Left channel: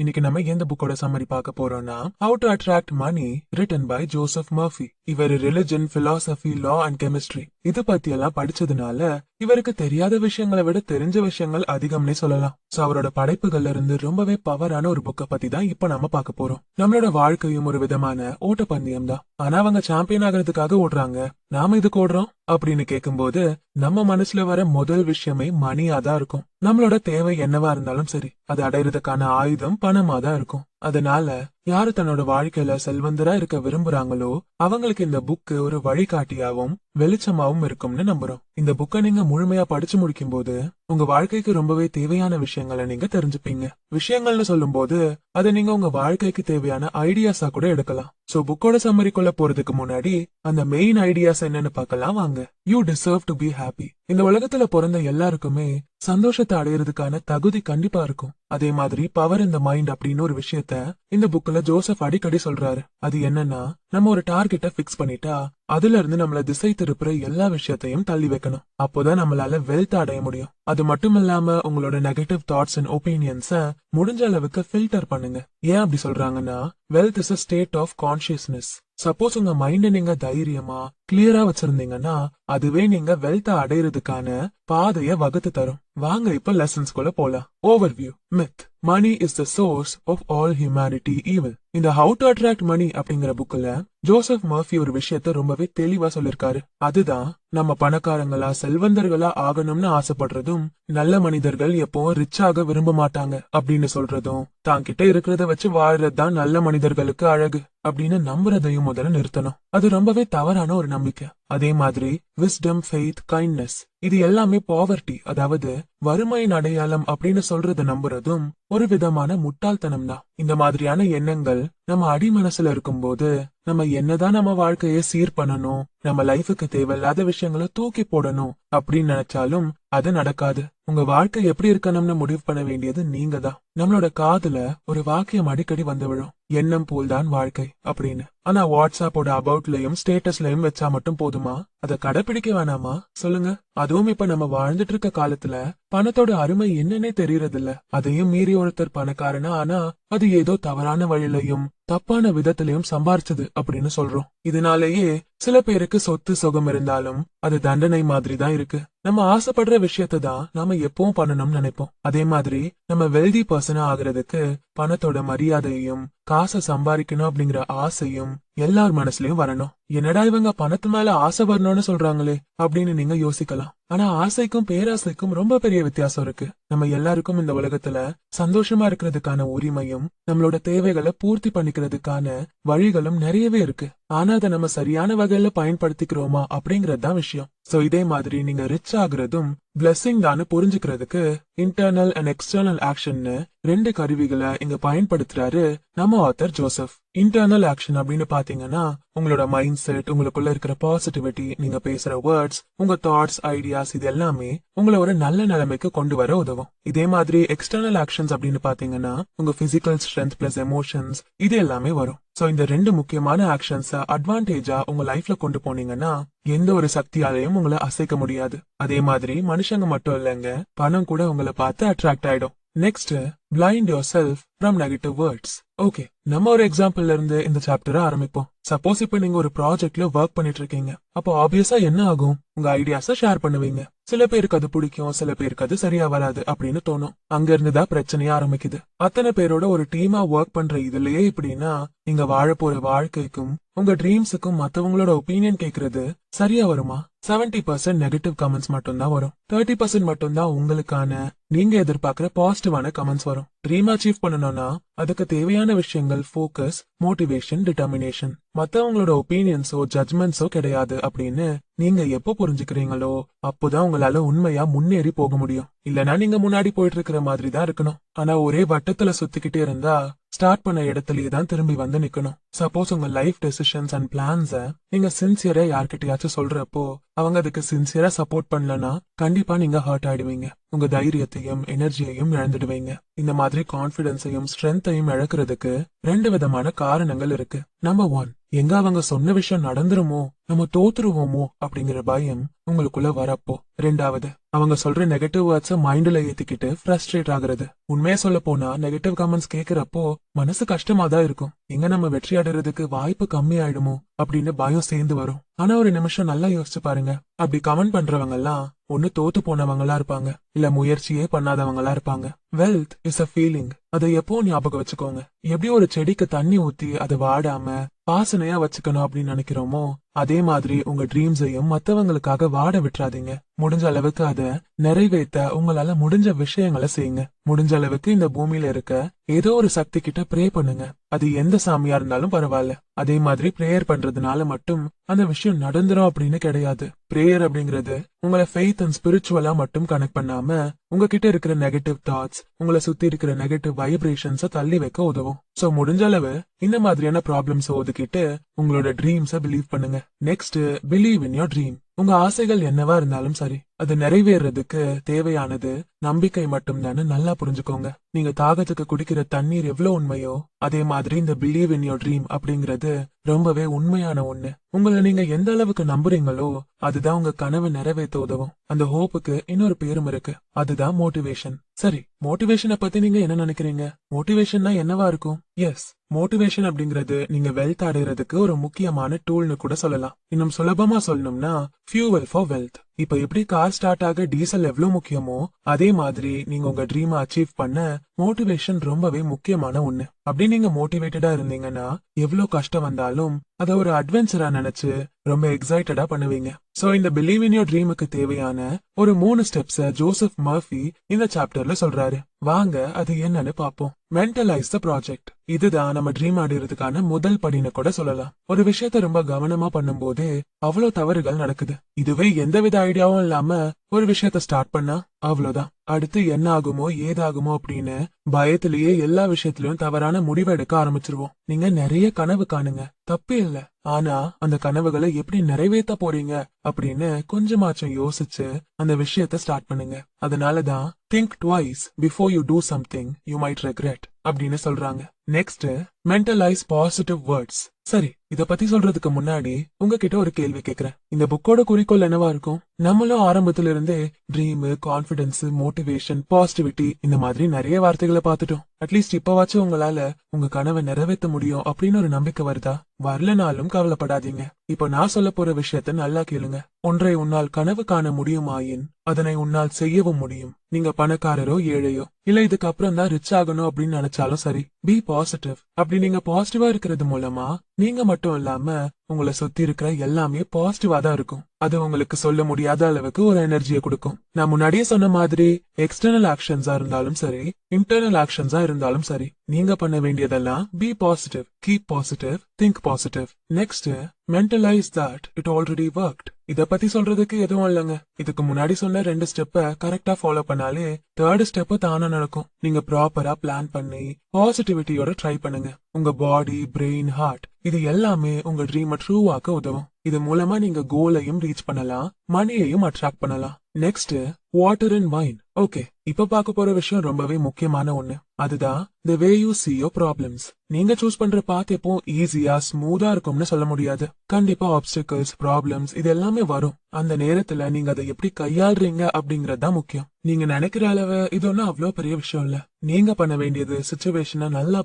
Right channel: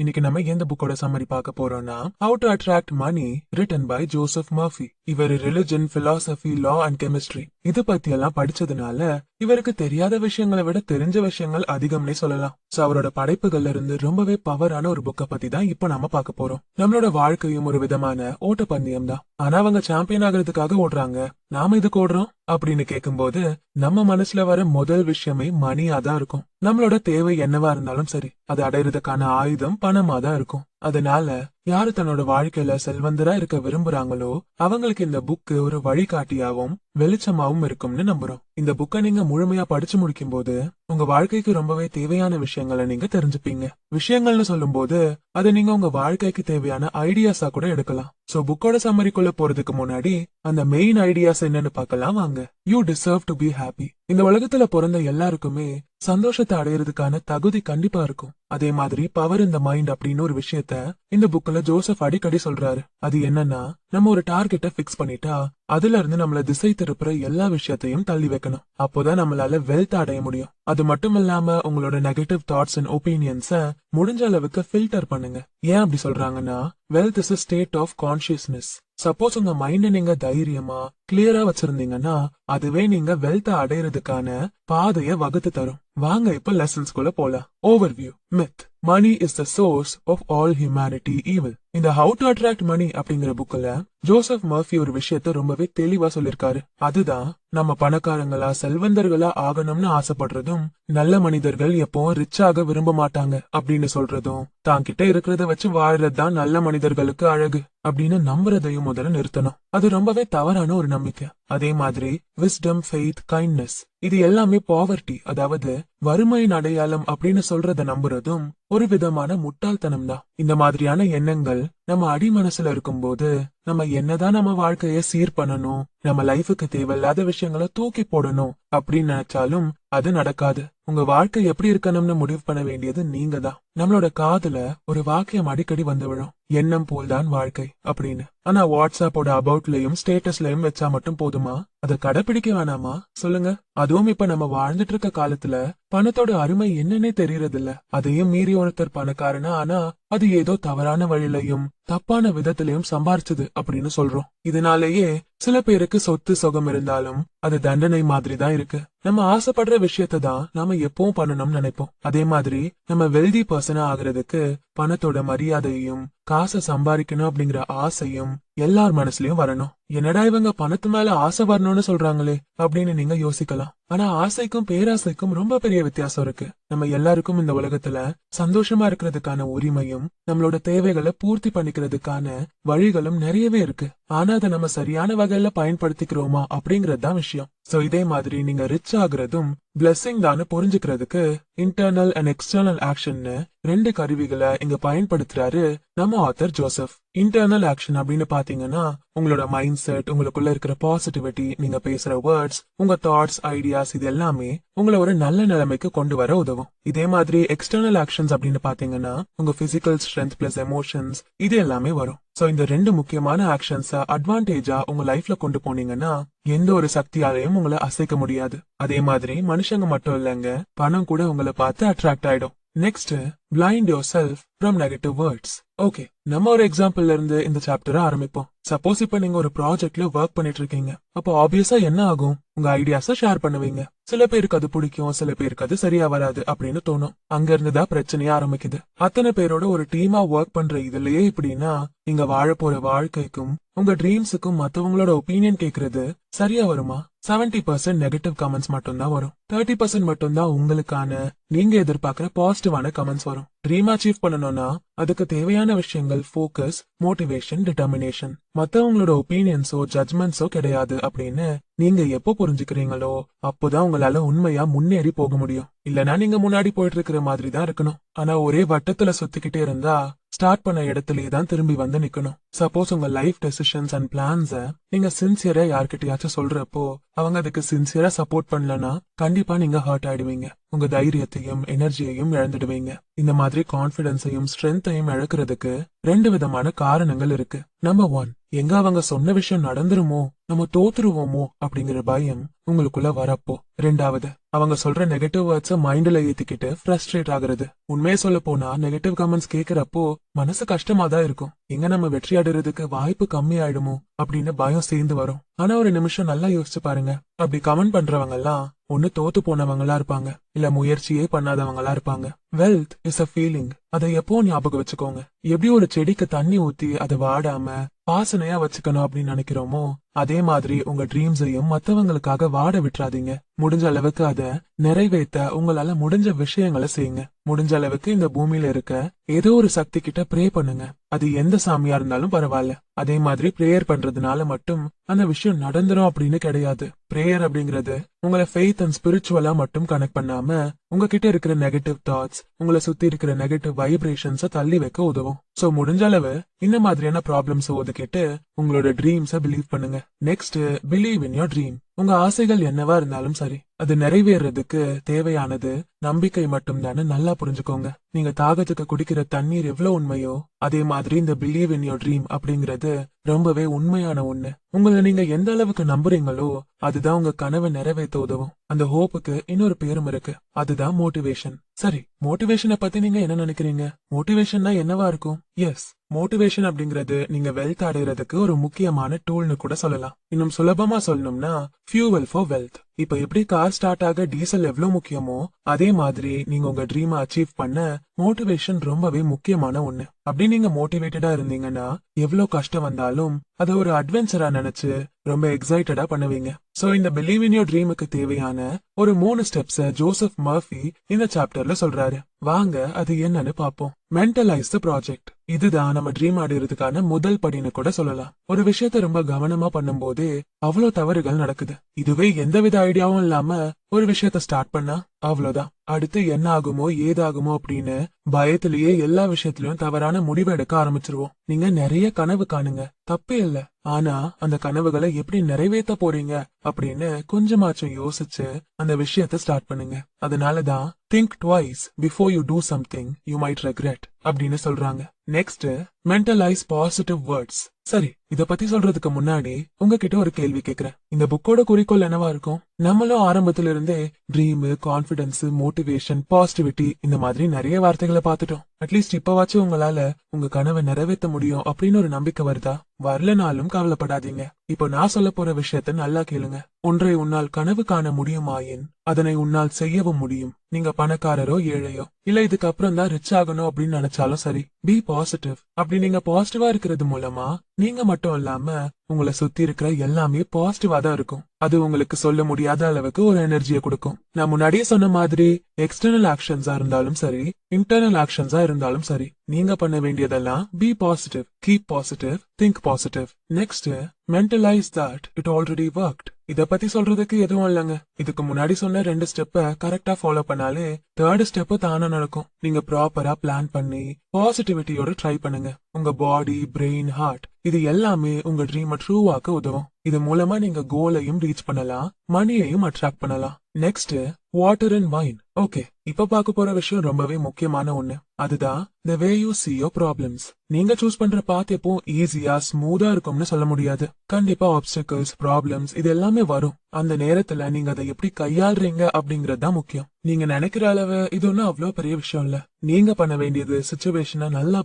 இன்னைக்கு நம்ம எந்த புக்கோட சம்மரி பார்க்க போறோம்னா how to attract money written by Joseph Murphy. இவர் religion, philosophy, law and chemistry இது பத்தி எல்லாம் படிச்சதுனால இவருக்கு தெரியாத விஷயங்களை விட தெரிஞ்ச விஷயங்கள் அதிகம்னே சொல்லலாம். சோ அவரோட படைப்புகள்ல இருந்து ரொம்பவே பவரான ஒரு புக்கை பத்தி தான் இப்ப நாம பார்க்க போறோம். நம்மளோட வாழ்க்கையும் ஒரு விதமான ஓட்டப்பந்தயம் தான். ஆனா அவங்க சாம்பியன் ஆகிறதுக்காக ஓடுறாங்க, நாம இதுக்கு ஓடுறோம் அப்படின்னு கேட்கும்போது நம்ம மனசுல வர முதல் விஷயமே மணியா தான் இருக்கும். நம்மளோட தேவை என்னவா இருந்தாலும் சரி, அது அடையிறதுக்கான ஆயுதம் பணமா தான் இருக்கும். அதனால யாரு தன்னோட வாழ்க்கையில செல்வந்தரா இருக்க விரும்புறாங்களோ அவங்களுக்கு இந்த புக்கு ஒரு வழிகாட்டியாவும் வெளிச்சமாவும் இருக்கும்னு நம்புறோம். இந்த புக்கை நீங்க முழுமையா படிச்சு முடிக்கும் போது உங்க வாழ்க்கைக்கு ரொம்பவே தேவையான விஷயங்களை நீங்க தெரிஞ்சுப்பீங்க. விஷயங்கள்னு சொல்லும் போது அதை நீங்க உங்க வாழ்க்கைக்கு தேவையான ஐடியாஸா கூட எடுக்கலாம். சோ புக்கோட சம்மரிக்குள்ள போறதுக்கு முன்னாடி அந்த மெயின் ஐடியாஸ் என்னன்னு பார்க்கலாம் வாங்க. You deserve to be happy. இந்த உலகத்துல பிறந்த எல்லாருக்குமே சந்தோஷத்தை அடையிறதுக்கான தகுதி கண்டிப்பா இருக்கும். அதே மாதிரி பவர் இந்த மைண்ட் அப்படின்னு ஒரு விஷயத்த இந்த புக்ல ஜோசப் அடிக்கடி சொல்றாரு. அது என்னன்னா, நம்ம ஒரு டார்கெட்டை பிக்ஸ் பண்ணிட்டா அதுல இருந்து நம்மள திசை திருப்புற எல்லா விஷயத்தையும் தள்ளி வைக்கணும். அப்போதான் நம்மளால வெல்த் அடைய முடியும். அது மட்டும் இல்லாம உங்களோட நெகட்டிவ் தாட்ஸ் அண்ட் ஒப்பீனியன்ஸ முடிஞ்ச அளவுக்கு ஃபில்டர் பண்ணுங்க. ஏன் அப்படி சொல்றாங்கன்னா, wealth is a state of consciousness. Suppose உங்க மைண்ட நீங்க தைரியமா கிளியரா வச்சிருந்தீங்கன்னா அதுவே நீங்க வெல்த் அடையிறதுக்கான பாதைய வகுத்து தரும். வாங்க இப்ப லெசன்ஸ்குள்ள போலாம். Overview. Myth. Money is the source of all humanity evil. இந்த ஹவு டு அட்ராக்ட் மணி அப்படிங்கிற புக்ல ஜோசப் மர்ஃபி ஒரு விஷயத்த ரொம்பவே தெளிவா சொல்லிருக்காரு. அதுதான், நம்ம பணக்காரங்களா செல்வந்தர்களா ஆகணும்னு ஆசைப்படுறதும், நல்ல மனிதர்கள் எப்பவும் ரிச் ஆக விரும்ப மாட்டாங்க அப்படின்னு சொல்றதும், தான் கிட்ட இருக்கிறத வச்சு வாழ்றதுதான் நல்ல மனிதர்களுக்கு அழகு அப்படின்னு நம்புறதையும் முதல்ல நிறுத்தணும். அது ரொம்பவே தவறான ஒரு நம்பிக்கை. அதே மாதிரி விஸ்டம், ஃபெய்த், கைண்ட்னஸ் இது எல்லாமே பாவர்ட்டி, அதாவது வறுமையின் அடையாளம் அப்படின்னு சொல்றத நம்புறதும் ஒரு விதமான முட்டாள்தனம் தான். இந்த மாதிரியான எண்ணங்கள் நம்ம அடி மனசுல இருக்கும்போது நம்ம என்னதான் நம்ம வாழ்க்கைய சீர் பண்ணணும், நம்ம லைஃபுக்கு தேவையில்லாத விஷயங்களை தூக்கி போடணும் அப்படின்னு நினைச்சாலும் அது நடக்காது. உங்க வாழ்க்கை எப்படி இருக்கணும்னு முடிவு பண்ண வேண்டியது நீங்க தான். நம்மளோட காதுல ஒரு வாக்கியம் அடிக்கடி வந்து விழும், எண்ணம் போல்தான் வாழ்க்கை அப்படின்னு. ஆனா வாட்ஸ்அப்போட அபவுட்லயும் ஸ்டேட்டஸ்லயும் வச்சா மட்டும் போதுமா? அதை கடைபிடிக்க வேணாமா சொல்லுங்க? அதுவும் இப்ப நம்ம வாழ்ந்துட்டு இருக்க காலத்துல பணத்தோட அருமை என்னன்னே தெரியறது இல்ல. அதையும் மீறி ஒருத்தர் பணக்காரனா ஆனா அது ஏதோ தவறான வழியிலையும் தப்பான விதத்திலையும் சம்பாரிச்சது அப்படின்னு சொல்றோம். இதனாலேயே சில பேருக்கு சொத்து சுகம் இருந்தாலும் அது தண்டனை மாதிரி தான் இருக்கு. நம்ம ஆசைப்படுற விஷயத்த தான் நாம எப்பவும் பண்ணணும்னு நினைப்போம். அதே மாதிரி நம்ம வெல்தி பர்சனா ஆகுறதுக்கு பணத்தோட மரியாதையும் காசை சம்பாதிக்கணும் அப்படிங்கிற ஆசையும் எல்லார் மனசுலயும் வரணும். என்னடா இவங்க பணத்து மேல ஆசை வரணும்னு சொல்றாங்களே அப்படின்னு நீங்க யோசிக்கலாம். ஆனா ஆசைக்கும் பேராசைக்கும் ரொம்ப பெரிய வித்தியாசம் இருக்கு. நம்ம எல்லாருக்கும் இந்த உலகத்துல சந்தோஷமா இருக்கிறதுக்கான உரிமையும் நம்மளோட தேவைகளை பூர்த்தி பண்ணிக்கிறதுக்கான வழிகளும் நிறையவே இருக்கு. ஆனா அதை நம்ம சரியான வகையில பயன்படுத்திக்கிறோமா அப்படிங்கறது தான் விஷயம். சோ இதே மாதிரி நீங்க ரிச் ஆகுறதும் பிளெஸிங் தான் புரிஞ்சுக்கிறதுக்கு இன்டர்னல் அண்ட் எக்ஸ்டர்னல் ஆக்ஷன்னு ரெண்டு கருவிகளை இங்க பயன்படுத்துறாரு நம்ம ஆத்தர் ஜோசப். இன்டர்னல் ஆக்ஷன் அப்படின்னு பாத்தீங்கன்னா உங்களோட மைண்ட் செட், உங்களுக்குள்ள இருக்கிற பாசிட்டிவிட்டி, நீங்க பேசுற வேர்ட்ஸ், உங்க தாட்ஸ், ஐடியாஸ் இது எல்லாமே உங்களை ஒரு நல்ல நிலைமைக்கு கொண்டு வர உதவும். இதே மாதிரி எக்ஸ்டர்னல் ஆக்ஷன்ஸ் அப்படின்னு பாத்தீங்கன்னா உங்க பிசிக்கல் ஸ்ட்ரென்த் பிளஸ் எமோஷன்ஸ் இது எல்லாமே வரும். சோ இந்த ரெண்டு முக்கியமான ஆக்ஷன்ஸ் அட்வான்டேஜா உங்க லைஃப்ல கொண்டு போனீங்கன்னா எந்த ஒரு சக்தியாலையும் உங்களை அசைக்க முடியாது. அதே மாதிரி மனுஷங்க மட்டும் இல்லைங்க, பணம் கூட உங்களை பார்த்து அட்ராக்ட் ஆயிடும். Next, blind your self from negative words. Okay, நம்ம ஒரு எக்ஸாம்பிள்ல இருந்து இந்த சாப்டரை ஆரம்பிப்போம். சப்போஸ் இப்ப நீங்க ஒரு ப்ராஜெக்ட்ல ஒர்க் பண்ணிட்டு இருக்கீங்க. அப்போ ஆப்வியஸா என்ன ஆகும்? உங்க ஐடியாஸ ஷேர் பண்ணுவீங்க. சில பேருக்கு அது பிடிக்கும், சில பேருக்கு அது சரியா வராது அப்படின்னு தோணும். அங்க இருந்துதான் பிரச்சனையா ஆரம்பிக்குது. அத்தனை பேரோட ஒரு டீமா ஒர்க் பண்ற இதுலயே இப்படின்னா நீங்க வாழ போற வாழ்க்கைக்கும் உங்க ட்ரீம்ஸுக்கும் மத்தவங்களோட ஒப்பீனியன் கேக்குறது சரியா வருமா? 70% நெகட்டிவ் கமெண்ட்ஸ் மட்டும் தான் வரும். 30% மட்டும் தான் உங்களுக்கான நீங்க எதிர்பார்க்கிற பாசிட்டிவான கமெண்ட்ஸ் வரும். ட்ரீம் அச்சீவ் பண்ணணும்னா அதுக்கு தேவையான விஷயங்கள் ஃபோக்கஸ், மோட்டிவேஷன், டிட்டர்மினேஷன். மத்தவங்களோட ஒப்பீனியன்ஸோ ஜட்மெண்ட்ஸோ கிடையாது அப்படின்னு நீங்க எப்போ புரிஞ்சுக்கிறீங்களோ அப்போதான் உங்களால உண்மையா முன்னேறி போக முடியும். இல்லனா நீங்க முன்னாடி போயிட்டு இருக்கிற மாதிரி தான் இருக்கணும். ஆனா ஒரே வட்டத்துல சுத்திக்கிட்டே இருந்தா ஸ்டார்ட் பண்ண இடத்துலயே தான் திரும்பி வந்து நிக்கணும். சப்போஸ் உங்க லைஃப் டெசிஷன்ஸ் அண்ட் பிளான்ஸ நீங்க சின்சியரா யார்கிட்டயாச்சும் சொல்றப்போ அவங்க அதுக்கு சின்சியரா சப்போர்ட் பண்ணலனா கண்டிப்பா நீங்க ஹர்ட் ஆயிடுவீங்க. உங்க தைரியத்தையும் எனர்ஜியையும் இழந்துடுவீங்க. இந்த மாதிரி கான்பிடன்ஸையும் ஸ்ட்ரென்த்தையும் இழக்கிறதுக்கு ரெண்டு விதமான காரணங்கள் இருக்கு. நம்பர் 1, எங்க அவங்க சொன்ன விஷயம் நடந்துருமோ, நம்ம தோத்துருவோமோ அப்படிங்கிற பயம் உங்களுக்குள்ள வரப்போ. ரெண்டாவது, அவங்க சொல்ற நெகட்டிவ் வேர்ட்ஸ் மைண்ட்ல ஏத்திக்கிட்டு ஃப்ரஸ்ட்ரேட் ஆகுறது. உண்மையை சொல்ல போனா நெகட்டிவ் கமெண்ட்ஸ் கேக்குறப்போ மனசு கஷ்டமா தான் இருக்கும். எங்க நம்ம வெற்றி அடைறதுக்கு வாய்ப்பு கம்மி ஆயிடுமோ அப்படின்னு பயம் சேர்ந்து வரும். ஆனா ஒரு நிமிஷம் நல்லா யோசிச்சு பாருங்க. அப்படி கமெண்ட் பண்றவங்க எல்லாம் ஒண்ணு தோத்து போனவங்களா இருப்பாங்க, இல்ல முயற்சியே பண்ணாதவங்களா இருப்பாங்க. Wealth is a feeling. அதை எப்போ ஞாபகம் வச்சுக்கோங்க. எப்படி ஒரு செடிக்கு தண்ணி ஊத்தி அதை வாடாம வாசனையா வச்சுக்கணும் அப்படின்னு நினைக்கிறோமோ, அதே மாதிரி உங்க ட்ரீம்ஸையும் மத்தவங்களுக்காக வாட விட்டுறாதீங்க. முடிஞ்ச அளவுக்கு அதை நிறைவேற்ற உங்களால முடிஞ்ச விஷயங்களை செய்யுங்க. முடிஞ்ச அளவுக்கு இந்த பூமியில இருக்க ஏதோ ஒரு சக்தி கிட்ட ப்ரே பண்ணுங்க. அது எந்த சாமியா இருந்தாலும் பரவாயில்ல. அதே மாதிரி பிரேயர் பண்றதுனால மட்டும் அந்த விஷயம் நடந்துரும் அப்படின்னு கிடையாது. பிரேயர் அப்படிங்கறது உங்களை ஃபெய்த் அண்ட் ஸ்பிரிச்சுவலா மட்டும் கனெக்ட் பண்ணாம உங்ககிட்ட இருக்கிற நெகட்டிவ் தாட்ஸ், உங்களை சுத்தி இருக்கிற நெகட்டிவ் வைப்ரேஷன்ஸ் தள்ளி வைக்க உதவும். சோ முடிஞ்ச அளவு இந்த மாதிரியான ப்ராப்ளம்ஸ் ஒதுக்கிட்டு உங்களோட ட்ரீம்ஸ பிலீவ் பண்ணுங்க. Next, believe in your dream. உங்க ஆசைகள் என்னவா இருந்தாலும் சரி, அது நிறைவேறதுக்கு தேவையானது நம்பிக்கை மட்டும் தானே. நல்லா புரிஞ்சுக்கோங்க. நீங்க தாகத்துக்கு குடிக்கிற தண்ணீர் எவ்வளவு உண்மையோ, அதே மாதிரி இந்த பிலீவ் இன் யோர் ட்ரீம் அப்படிங்கறது ரொம்பவே உண்மையான ஒண்ணு. உங்களை நீங்க எந்த அளவுக்கு நம்புறீங்களோ அதுதான் உங்க கனவை நிறைவேற்ற உதவும். அந்த ஹோப்புக்கு இன்னொரு பேரும் இருக்கு, அதுதான் மோட்டிவேஷன். சரி, மோட்டிவேஷனை பத்தி நீங்க என்ன நினைக்கிறீங்க? மோட்டிவேஷன்னா என்னவா இருக்கும்? எஸ், மோட்டிவேஷன் அப்படிங்கறது நீங்க வெல்த் அடைறதுக்கு ஒரு முக்கியமான டூல்னு கூட சொல்லலாம். இன்னும் சுலபமா சொல்லணும்னா ஃபியூவல் ஃபார் வெல்த். இப்ப எப்படி கார் ஸ்டார்ட் ஆக டீசல் எவ்வளவு முக்கியமோ, அதே மாதிரி நீங்க உங்க ட்ரீமை அச்சீவ் பண்ண மோட்டிவேஷன் ரொம்பவே முக்கியமான ஒண்ணு. அப்படி நீங்க மோட்டிவேட்டடா இருந்தீங்கன்னா எவ்வளவு கஷ்டம் வந்தாலும் அதை ஒரு அட்வென்ச்சரா நினைச்சு ரொம்ப எக்ஸைட்டடா பண்ணுவீங்க. சோ இந்த பிலீவ் இன் யோர் ட்ரீமுக்கு தேவையான ஒரு 3 ஸ்டெப்ஸ் ஜோசப் மர்ஃபி இந்த சாப்டர்ல சொல்றாரு. வாங்க அது என்னன்னு பாப்போம். மென்டலைஸ் த ப்ராஜெக்ட். இதுதான் நம்ம ட்ரீம் அடைறதுக்கான முதல் படின்னு கூட சொல்லலாம். ஒரு விஷயத்த ரொம்ப கவனமா பண்ணும் போதே அவ்வளவு தவறுகள் நடக்குது. இதுவே எந்தவித ஐடியாவும் இல்லாம ஒரு விஷயத்த ஸ்டார்ட் பண்ணா அவ்வளவுதான். அடுத்து என்ன ஆகுமோ ஏதாகுமோ அப்படின்னு பயத்திலேயே எல்லா விஷயத்திலயும் தவறான முடிவு எடுக்க ஆரம்பிச்சிருவோம். நீங்க நிறைய கனவு காணுங்க, தப்பே இல்ல. ஆனா அந்த கனவுகளை எப்படி நிறைவேற்ற போறீங்க அப்படின்னு கொஞ்சமாச்சும் யோசிச்சு அந்த விஷயத்த ஸ்டார்ட் பண்ணுங்க. அதனாலதான் think twice before you do something you might regret அப்படின்னு சொல்றாங்க. Next, mentalize positive words. சரி, இத பத்தி சொல்றதுக்கு முன்னாடி உங்ககிட்ட ஒரு கேள்வி கேக்குறேன். இந்த புக்கோட குறிக்கோள் என்னவா இருக்கும்? நம்மளும் ஆரம்பத்துல இருந்தே ட்ரீம், கான்பிடன்ஸ், மோட்டிவேஷன், பாசிட்டிவிட்டி இந்த மாதிரி நிறைய வார்த்தைகளை பார்த்துட்டோம். அட்லீஸ்ட் இப்பவாச்சும் உங்களால உங்க கனவை நிறைவேற்ற முடியும் அப்படின்னு ஒரு நம்பிக்கை வருதா? வரலனாலும் கவலைப்படாதீங்க. இப்போ நான் சொல்ல போற விஷயத்த நல்லா கேளுங்க. ஒன்றை உன்னால் கனவு காண முடியுமாயின் அதனை உன்னால் செய்யவும் முடியும். நீங்க பணக்காரரோ ஏழையோ, இல்ல இதுக்கப்புறம் தான் ரிச் ஆகணும் அப்படின்னு நினைச்சாலும் சரி, பி பாசிட்டிவ். அப்படி நீங்க பாசிட்டிவா இருக்கிறது மூலமா நீங்க மட்டும் இல்லாம உங்களை சுத்தி இருக்கிற எல்லாமே பாசிட்டிவா தான் இருக்கும். அது உங்களுக்கு சொல்ல முடியாத அளவுக்கு ஒரு எனர்ஜியை கொடுக்கும். நான் முன்னாடியே சொன்ன மாதிரி எக்ஸ்டர்னல் ஆக்ஷன்ஸா இருந்தாலும் சரி, இன்டர்னல் ஆக்ஷன்ஸா இருந்தாலும் சரி, நீங்க பண்ண வேண்டியதெல்லாம் be positive, keep positive, think positive. Next, mentalize that it already worked. இத பத்தி சொல்றதுக்கு எதுவும் இல்லைங்க. இதுக்கு முன்னாடி சொன்ன 2 ஸ்டெப்ப கரெக்டா ஃபாலோ பண்ணாலே 3rd ஸ்டெப் தானா நடக்கும். நீங்க ப்ராப்பரா பிளான் பண்ணி பாசிட்டிவிட்டியோட ட்ரை பண்ணுங்க. உங்க பாடி, பிரெயின், ஹார்ட் இது எல்லாமே உங்க ட்ரீமை ட்ரூ ஆக்க உதவும். இது மூலமா நீங்க கோலையும் ரீச் பண்ணலாம், மணியையும் அட்ராக்ட் பண்ணலாம். Next, water and wine. Okay, இப்ப பார்க்க போற விஷயம் ரொம்பவே முக்கியமான ஒண்ணு. அதுதான் the way you see your problems. நீங்க சூஸ் பண்ற பாத் எப்போ ஈஸியா ஸ்மூதா இருக்கும்னு சொல்ல முடியாது. கண்டிப்பா ஆப்ஸ்டக்கிள்ஸ், ப்ராப்ளம்ஸ் இது எல்லாமே வரும். அந்த நேரத்துல நீங்க அதை எப்படி கையாளுறீங்க அப்படிங்கறது தான் முக்கியம். நீங்க நினைக்கிற அளவு இது ஒன்னும் அவ்வளவு பெரிய விஷயம் இல்ல. நீங்க பண்ண வேண்டியது சிச்சுவேஷனை நல்லா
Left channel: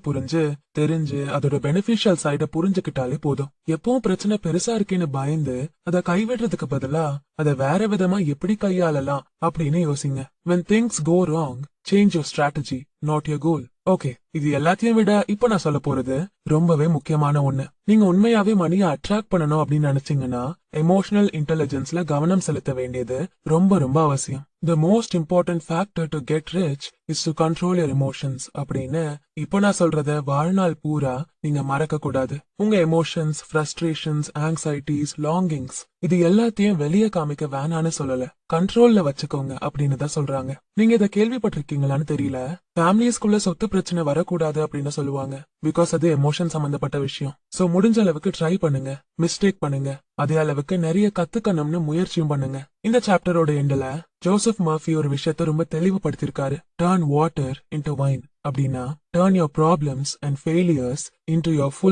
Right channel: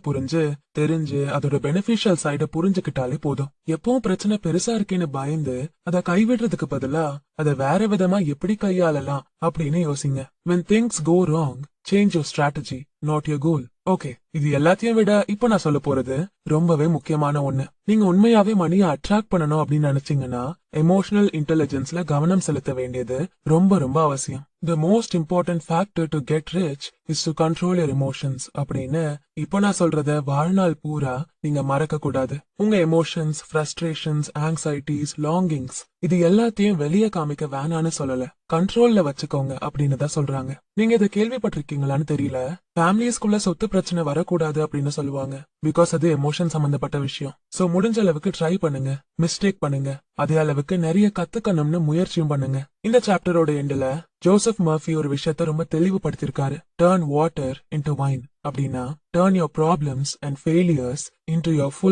தெரிஞ்சு அதோட பெனிஃபிஷியல் சைட புரிஞ்சுக்கிட்டாலே போதும். எப்பவும் பிரச்சனை பெருசா இருக்கேன்னு பயந்து அதை கைவிடுறதுக்கு பதிலா அதை வேற விதமா எப்படி கையாளலாம் அப்படின்னு யோசிங்க. When things go wrong, change your strategy, not your goal. Okay, இது எல்லாத்தையும் விட இப்ப நான் சொல்ல போறது ரொம்பவே முக்கியமான ஒண்ணு. நீங்க உண்மையாவே மணியை அட்ராக்ட் பண்ணணும் அப்படின்னு நினைச்சீங்கன்னா எமோஷனல் இன்டெலிஜென்ஸ்ல கவனம் செலுத்த வேண்டியது ரொம்ப ரொம்ப அவசியம். The most important factor to get rich is to control your emotions அப்படின்னு இப்ப நான் சொல்றத வாழ்நாள் பூரா நீங்க மறக்க கூடாது. உங்க எமோஷன்ஸ், ஃப்ரஸ்ட்ரேஷன்ஸ், ஆங்ஸைட்டிஸ், லாங்கிங்ஸ் இது எல்லாத்தையும் வெளியே காமிக்க வேணான்னு சொல்லல, கண்ட்ரோல்ல வச்சுக்கோங்க அப்படின்னு தான் சொல்றாங்க. நீங்க இதை கேள்விப்பட்டிருக்கீங்களான்னு தெரியல, ஃபேமிலிஸ்குள்ள சொத்து பிரச்சனை வரக்கூடாது அப்படின்னு சொல்லுவாங்க. பிகாஸ் அது எமோஷன் சம்பந்தப்பட்ட விஷயம். சோ முடிஞ்ச அளவுக்கு ட்ரை பண்ணுங்க, மிஸ்டேக் பண்ணுங்க, அதே அளவுக்கு நிறைய கத்துக்கணும்னு முயற்சியும் பண்ணுங்க. இந்த சாப்டரோட எண்ட்ல ஜோசப் மர்ஃபி ஒரு விஷயத்த ரொம்ப தெளிவுபடுத்திருக்காரு. டர்ன் வாட்டர் இன்டு வைன் அப்படின்னா turn your problems and failures into your full